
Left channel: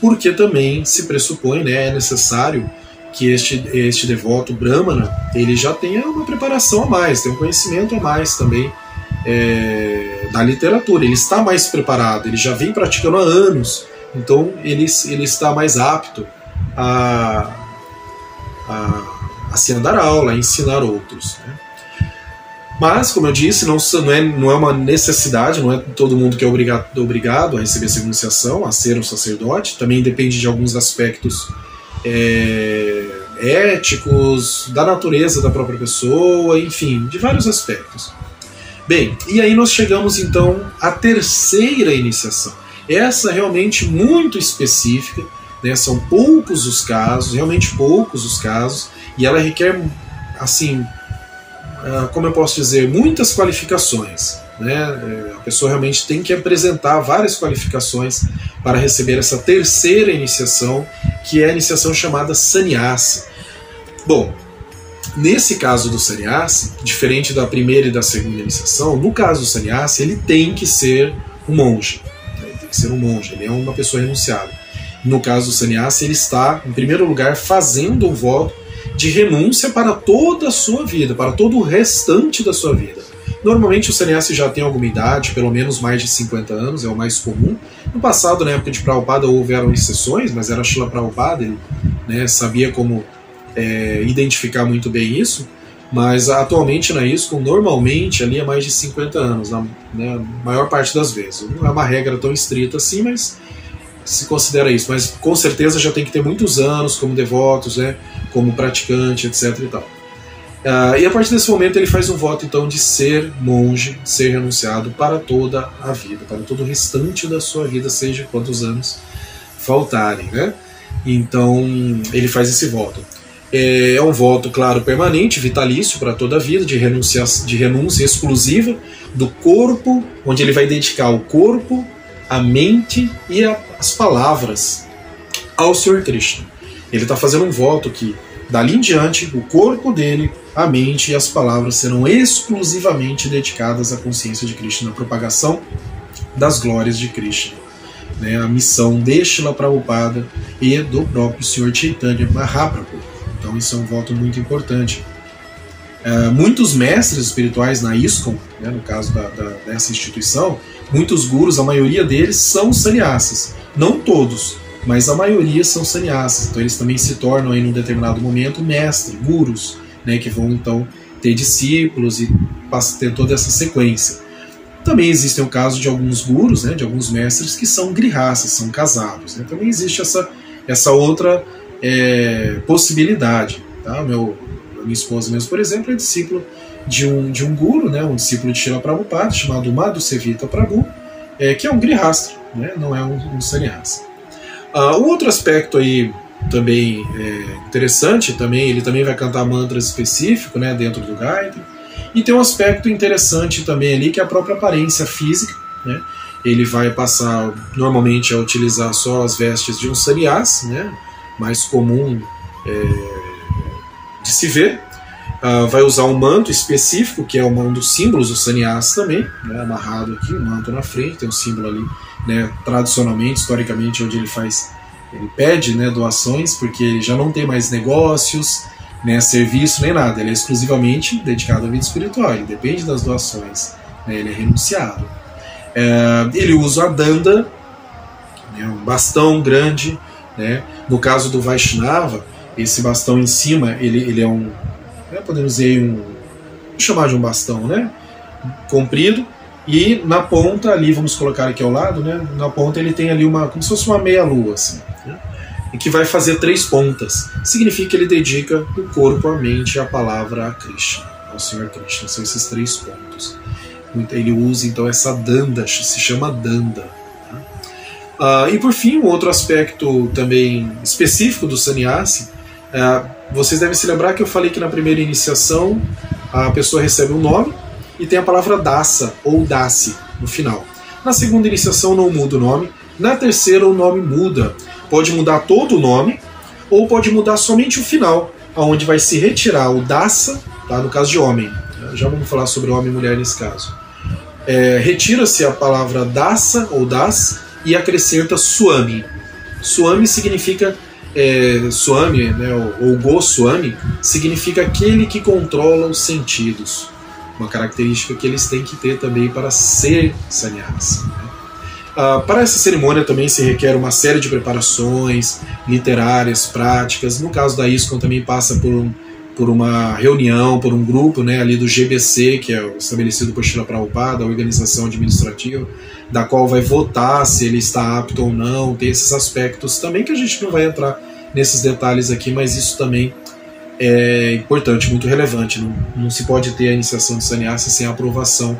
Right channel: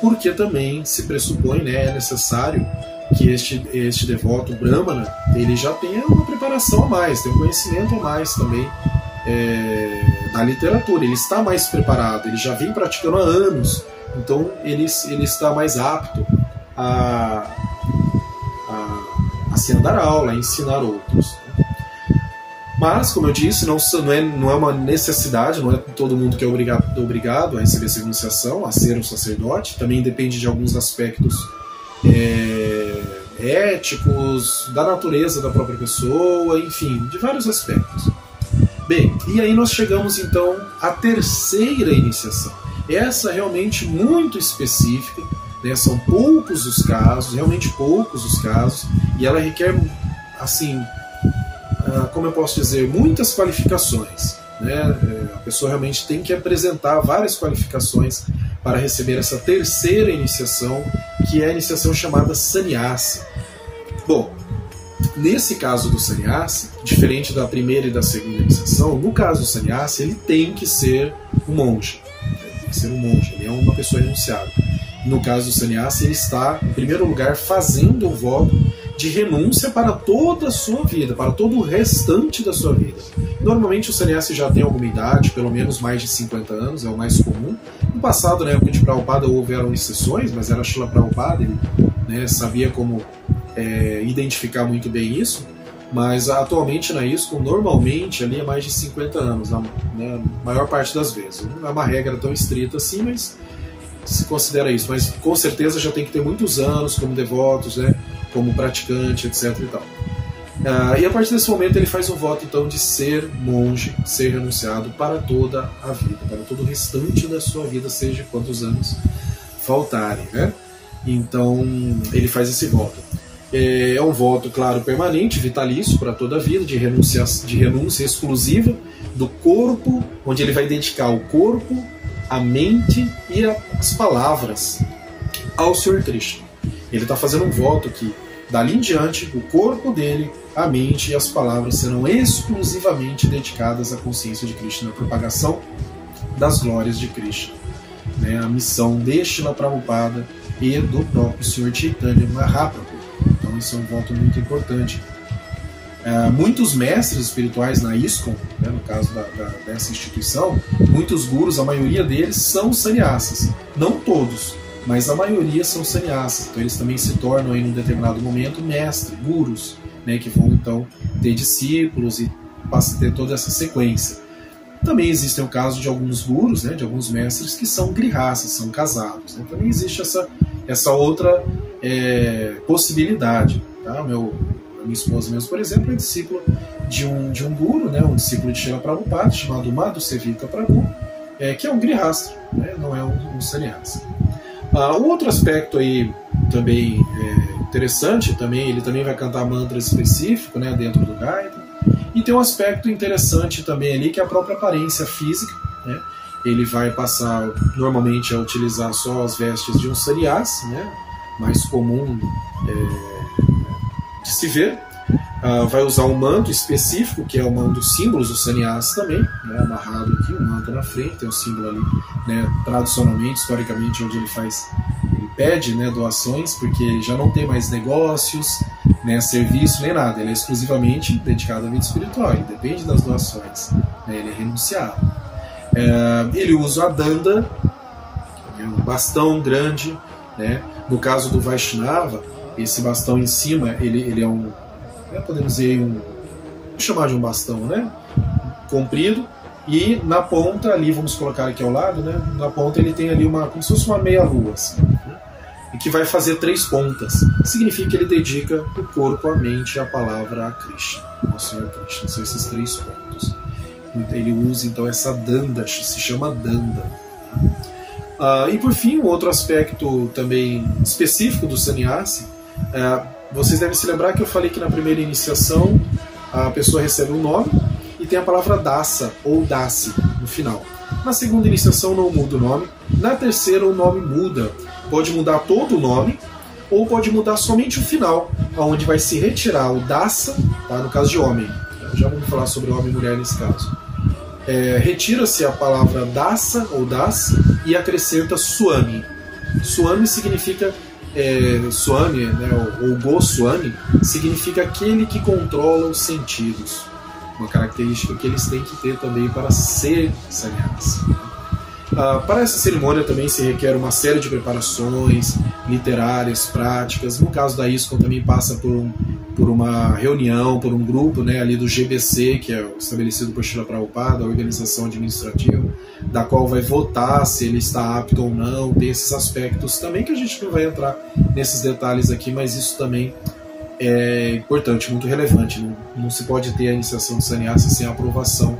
Porque também se pressupõe, né, é necessário que este devoto brahmana ele já tenha uma preparação a mais, tenha um conhecimento a mais também da literatura. Ele está mais preparado, ele já vem praticando há anos, então ele está mais apto a se dar aula, a ensinar outros, né? Mas, como eu disse, não é uma necessidade, não é todo mundo que é obrigado a receber essa iniciação, a ser um sacerdote. Também depende de alguns aspectos éticos, da natureza da própria pessoa, enfim, de vários aspectos. Bem, e aí nós chegamos então à terceira iniciação. Essa realmente muito específica, né? São poucos os casos, realmente poucos os casos, e ela requer, assim, como eu posso dizer, muitas qualificações, né? A pessoa realmente tem que apresentar várias qualificações para receber essa terceira iniciação, que é a iniciação chamada sannyasi. Bom, nesse caso do sannyasi, diferente da primeira e da segunda iniciação, no caso do sannyasi, ele tem que ser um monge. Ele tem que ser um monge, ele é uma pessoa renunciada. No caso do sannyasi, ele está, em primeiro lugar, fazendo um voto de renúncia para toda a sua vida, para todo o restante da sua vida. Normalmente o sannyasi já tem alguma idade, pelo menos mais de 50 anos, é o mais comum. No passado, na época de Prabhupada, houveram exceções, mas era Srila Prabhupada, ele, né, sabia como identificar muito bem isso, mas atualmente na ISKCON, normalmente ali é mais de 50 anos, né, maior parte das vezes. Não é uma regra tão estrita assim, mas se considera isso, mas com certeza já tem que ter muitos anos como devotos, né, como praticante, etc. e tal. E a partir desse momento ele faz um voto então de ser monge, ser renunciado para toda a vida, para todo o restante da sua vida, seja quantos anos faltarem, né? Então ele faz esse voto. É um voto, claro, permanente, vitalício para toda a vida, de renúncia exclusiva do corpo, onde ele vai dedicar o corpo, a mente e as palavras ao Senhor Krishna. Ele está fazendo um voto que, dali em diante, o corpo dele, a mente e as palavras serão exclusivamente dedicadas à consciência de Krishna, na propagação das glórias de Krishna, né? A missão de Srila Prabhupada e do próprio Senhor Chaitanya Mahaprabhu. Então isso é um voto muito importante. Muitos mestres espirituais na ISKCON, né, no caso dessa instituição, muitos gurus, a maioria deles são sannyasis. Não todos, mas a maioria são sannyasis. Então eles também se tornam, em um determinado momento, mestres, gurus, né, que vão então ter discípulos e ter toda essa sequência. Também existem o caso de alguns gurus, né, de alguns mestres que são grihastas, são casados, né? Também existe essa outra possibilidade. Tá? A minha esposa mesmo, por exemplo, é discípulo de um guru, né, um discípulo de Srila Prabhupada, chamado Madhusevita Prabhu, que é um grihasta, né, não é um sannyasa. Um outro aspecto aí também interessante, ele também vai cantar mantras específicos, né, dentro do Gayatri. E tem um aspecto interessante também ali, que é a própria aparência física, né? Ele vai passar normalmente a utilizar só as vestes de um sannyasi, né, mais comum de se ver. Vai usar um manto específico, que é um dos símbolos do sannyasi também, né, amarrado aqui, um manto na frente, tem um símbolo ali, né, tradicionalmente, historicamente, onde ele pede, né, doações, porque ele já não tem mais negócios, né, serviço, nem nada, ele é exclusivamente dedicado à vida espiritual, ele depende das doações, né, ele é renunciado. Ele usa a danda, né, um bastão grande, né, no caso do Vaishnava, esse bastão em cima, ele é podemos dizer, vamos chamar de um bastão, né, comprido, e na ponta ali, vamos colocar aqui ao lado, né, na ponta ele tem ali como se fosse uma meia-lua, assim, né, e que vai fazer 3 pontas. Significa que ele dedica o corpo, a mente e a palavra a Krishna, ao Senhor Krishna. São esses 3 pontos. Ele usa então essa danda, se chama danda. E por fim, um outro aspecto também específico do sannyasi, vocês devem se lembrar que eu falei que na primeira iniciação a pessoa recebe um nome e tem a palavra dasa ou dasi no final. Na segunda iniciação não muda o nome, na terceira o nome muda. Pode mudar todo o nome ou pode mudar somente o final, onde vai se retirar o dasa, tá? No caso de homem. Já vamos falar sobre homem e mulher nesse caso. Retira-se a palavra dasa ou das e acrescenta swami. Swami significa Swami, né, ou Goswami, significa aquele que controla os sentidos. Uma característica que eles têm que ter também para ser sannyasi. Né? Para essa cerimônia também se requer uma série de preparações literárias, práticas. No caso da ISKCON também passa por uma reunião, por um grupo, né, ali do GBC, que é estabelecido por Srila Prabhupada, a organização administrativa, da qual vai votar se ele está apto ou não. Tem esses aspectos também que a gente não vai entrar nesses detalhes aqui, mas isso também é importante, muito relevante. Não se pode ter a iniciação de sannyasi sem a aprovação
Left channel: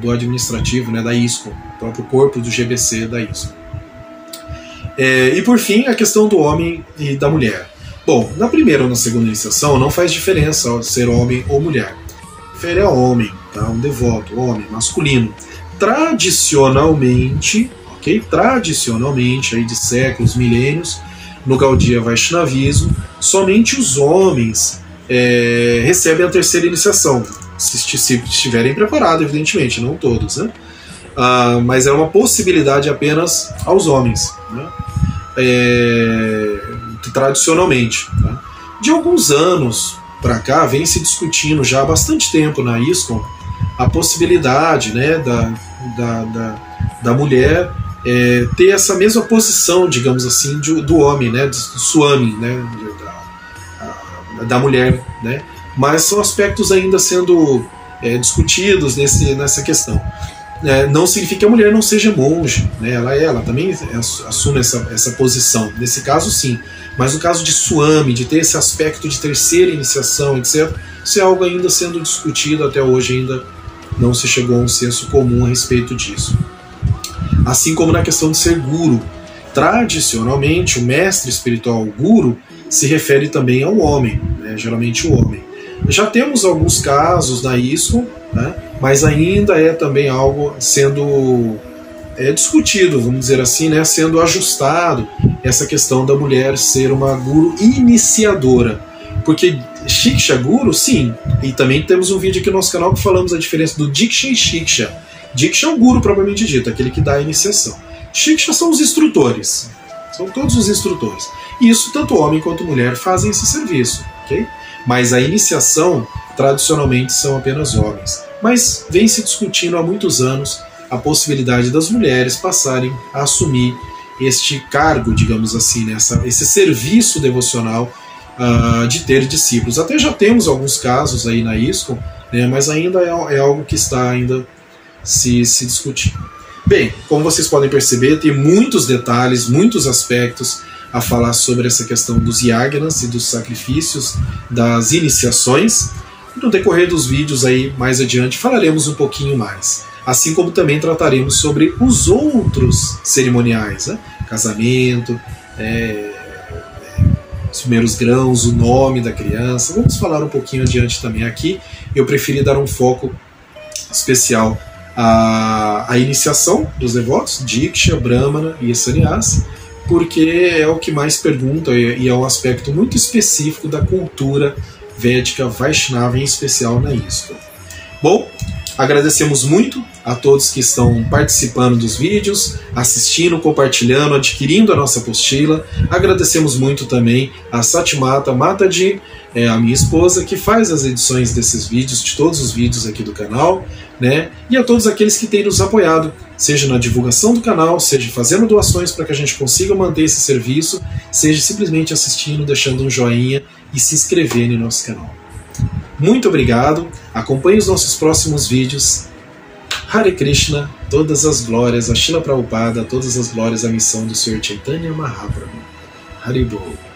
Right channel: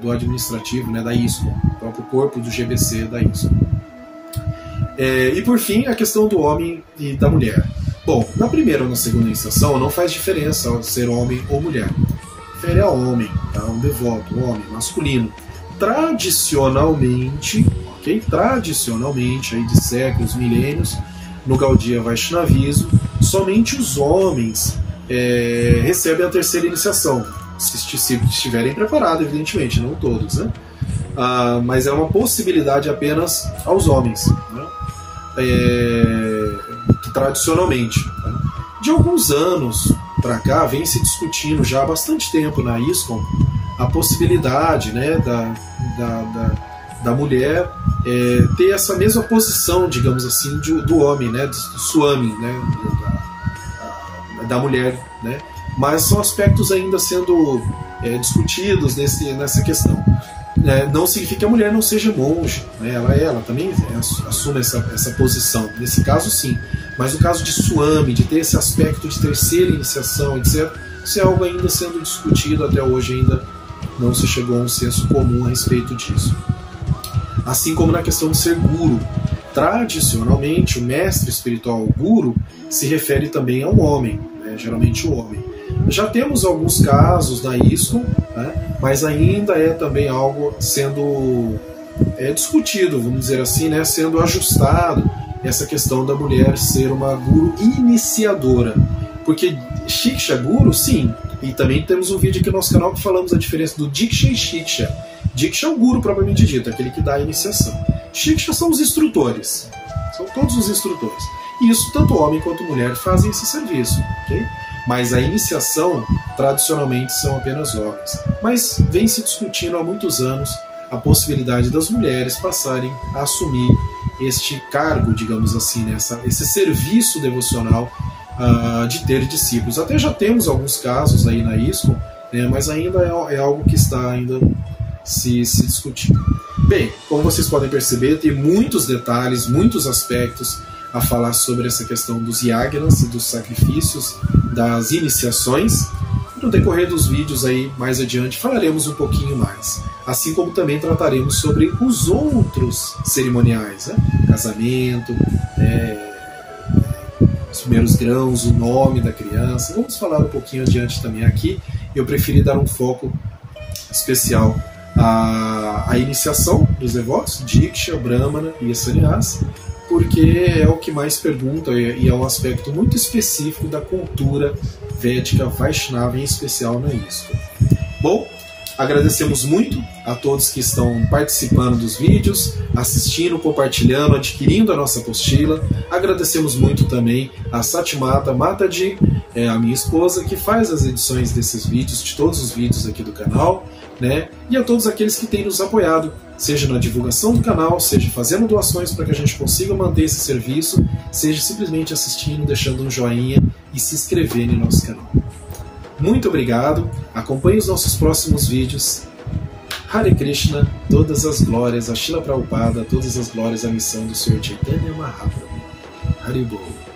do administrativo, né, da ISKCON, o próprio corpo do GBC da ISKCON. E por fim, a questão do homem e da mulher. Bom, na primeira ou na segunda iniciação não faz diferença ser homem ou mulher. Refere a homem, tá? Um devoto, homem, masculino. Tradicionalmente, tradicionalmente, aí de séculos, milênios, no Gaudiya Vaishnavismo, somente os homens recebem a terceira iniciação, se estiverem preparados, evidentemente, não todos, né? Mas é uma possibilidade apenas aos homens, né? Tradicionalmente. Tá? De alguns anos para cá, vem se discutindo já há bastante tempo na ISKCON a possibilidade, né, da mulher ter essa mesma posição, digamos assim, do homem, né, do swami, né, da mulher, né? Mas são aspectos ainda sendo discutidos nessa questão. Não significa que a mulher não seja monge, né? Ela também assume essa posição, nesse caso sim, mas no caso de swami, de ter esse aspecto de terceira iniciação, etc., isso é algo ainda sendo discutido, até hoje ainda não se chegou a um senso comum a respeito disso. Assim como na questão de ser guru. Tradicionalmente, o mestre espiritual, o guru, se refere também ao homem, né? Geralmente o homem. Já temos alguns casos na ISKCON, né? Mas ainda é também algo sendo discutido, vamos dizer assim, né? Sendo ajustado essa questão da mulher ser uma guru iniciadora. Porque Shiksha Guru, sim, e também temos um vídeo aqui no nosso canal que falamos a diferença do Diksha e Shiksha. Diksha é o guru propriamente dito, aquele que dá a iniciação. Shiksha são os instrutores, são todos os instrutores. E isso tanto homem quanto mulher fazem esse serviço, ok? Mas a iniciação, tradicionalmente, são apenas homens. Mas vem se discutindo há muitos anos a possibilidade das mulheres passarem a assumir este cargo, digamos assim, né? Esse serviço devocional de ter discípulos. Até já temos alguns casos aí na ISKCON, né? Mas ainda é algo que está ainda se discutir. Bem, como vocês podem perceber, tem muitos detalhes, muitos aspectos a falar sobre essa questão dos yagnas e dos sacrifícios, das iniciações. No decorrer dos vídeos aí mais adiante falaremos um pouquinho mais, assim como também trataremos sobre os outros cerimoniais, né? Casamento, os primeiros grãos, o nome da criança. Vamos falar um pouquinho adiante também aqui. Eu preferi dar um foco especial à iniciação dos devotos, Diksha, Brahmana e Sannyas, porque é o que mais pergunta e é um aspecto muito específico da cultura védica Vaishnava, em especial na ISKCON. Bom, agradecemos muito a todos que estão participando dos vídeos, assistindo, compartilhando, adquirindo a nossa apostila. Agradecemos muito também a Satimata Mataji, a minha esposa, que faz as edições desses vídeos, de todos os vídeos aqui do canal, né? E a todos aqueles que têm nos apoiado, seja na divulgação do canal, seja fazendo doações para que a gente consiga manter esse serviço, seja simplesmente assistindo, deixando um joinha e se inscrevendo no nosso canal. Muito obrigado, acompanhe os nossos próximos vídeos. Hare Krishna, todas as glórias a Srila Prabhupada, todas as glórias à missão do Sr. Chaitanya Mahaprabhu. Haribol.